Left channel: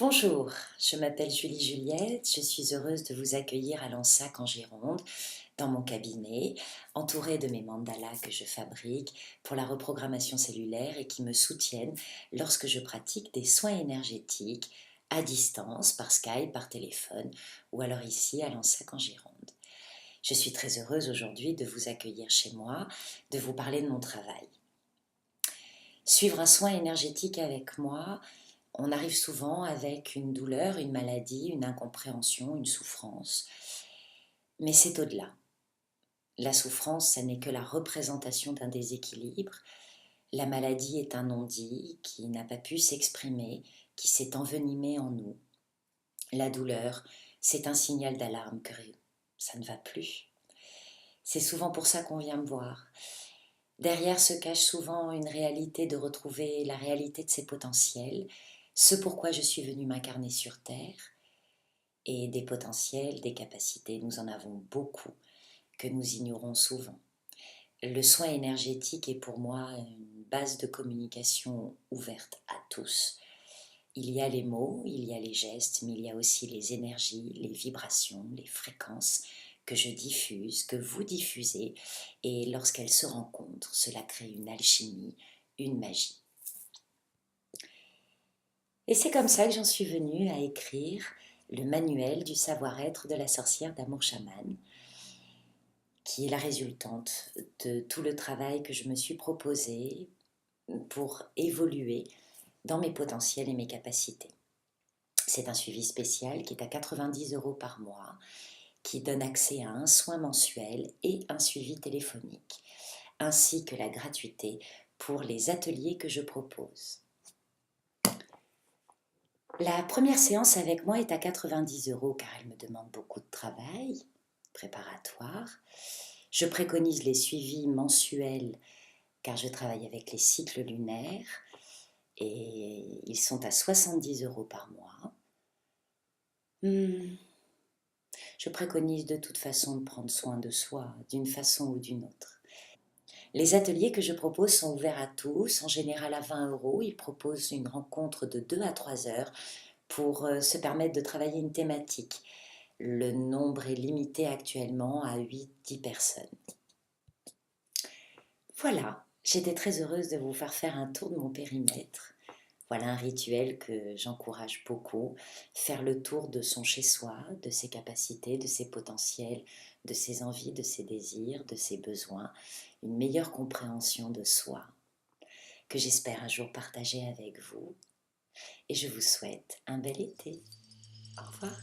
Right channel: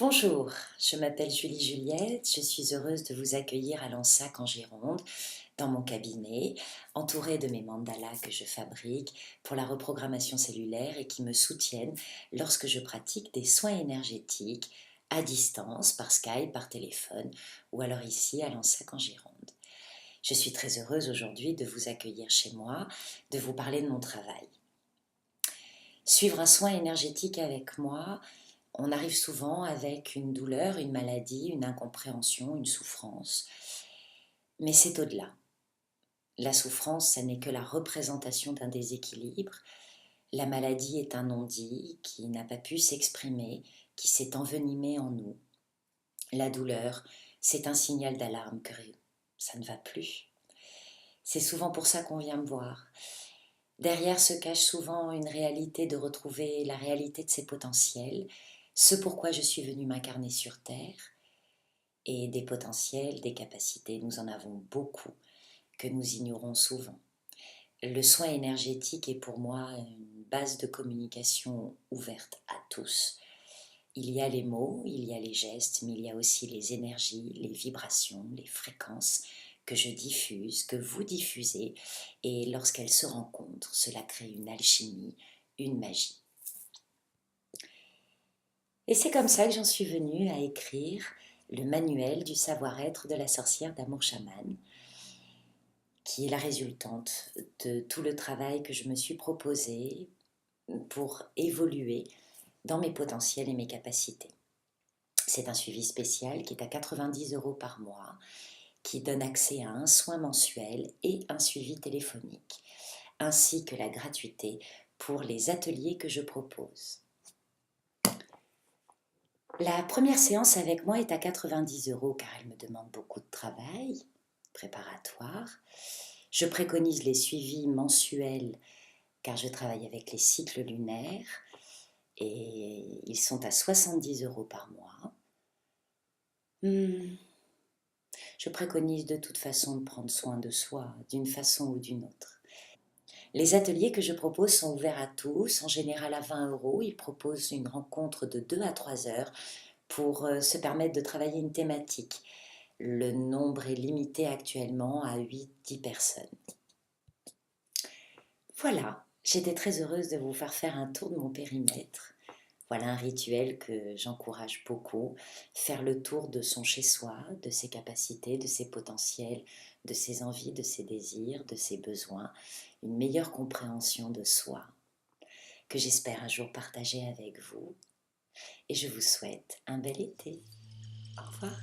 Bonjour, je m'appelle Julie Juliette, je suis heureuse de vous accueillir à Lansac en Gironde, dans mon cabinet, entourée de mes mandalas que je fabrique pour la reprogrammation cellulaire et qui me soutiennent lorsque je pratique des soins énergétiques à distance, par Skype, par téléphone ou alors ici à Lansac en Gironde. Je suis très heureuse aujourd'hui de vous accueillir chez moi, de vous parler de mon travail. Suivre un soin énergétique avec moi, on arrive souvent avec une douleur, une maladie, une incompréhension, une souffrance. Mais c'est au-delà. La souffrance, ça n'est que la représentation d'un déséquilibre. La maladie est un non-dit qui n'a pas pu s'exprimer, qui s'est envenimé en nous. La douleur, c'est un signal d'alarme que ça ne va plus. C'est souvent pour ça qu'on vient me voir. Derrière se cache souvent une réalité de retrouver la réalité de ses potentiels, ce pourquoi je suis venue m'incarner sur Terre, et des potentiels, des capacités, nous en avons beaucoup, que nous ignorons souvent. Le soin énergétique est pour moi une base de communication ouverte à tous. Il y a les mots, il y a les gestes, mais il y a aussi les énergies, les vibrations, les fréquences que je diffuse, que vous diffusez, et lorsqu'elles se rencontrent, cela crée une alchimie, une magie. Et c'est comme ça que j'en suis venue à écrire le manuel du savoir-être de la sorcière d'amour chaman, qui est la résultante de tout le travail que je me suis proposé pour évoluer dans mes potentiels et mes capacités. C'est un suivi spécial qui est à 90 € par mois, qui donne accès à un soin mensuel et un suivi téléphonique, ainsi que la gratuité pour les ateliers que je propose. La première séance avec moi est à 90 € car elle me demande beaucoup de travail préparatoire. Je préconise les suivis mensuels car je travaille avec les cycles lunaires et ils sont à 70 € par mois. Je préconise de toute façon de prendre soin de soi d'une façon ou d'une autre. Les ateliers que je propose sont ouverts à tous, en général à 20 €. Ils proposent une rencontre de 2 à 3 heures pour se permettre de travailler une thématique. Le nombre est limité actuellement à 8-10 personnes. Voilà, j'étais très heureuse de vous faire un tour de mon périmètre. Voilà un rituel que j'encourage beaucoup, faire le tour de son chez-soi, de ses capacités, de ses potentiels, de ses envies, de ses désirs, de ses besoins, une meilleure compréhension de soi, que j'espère un jour partager avec vous. Et je vous souhaite un bel été. Au revoir.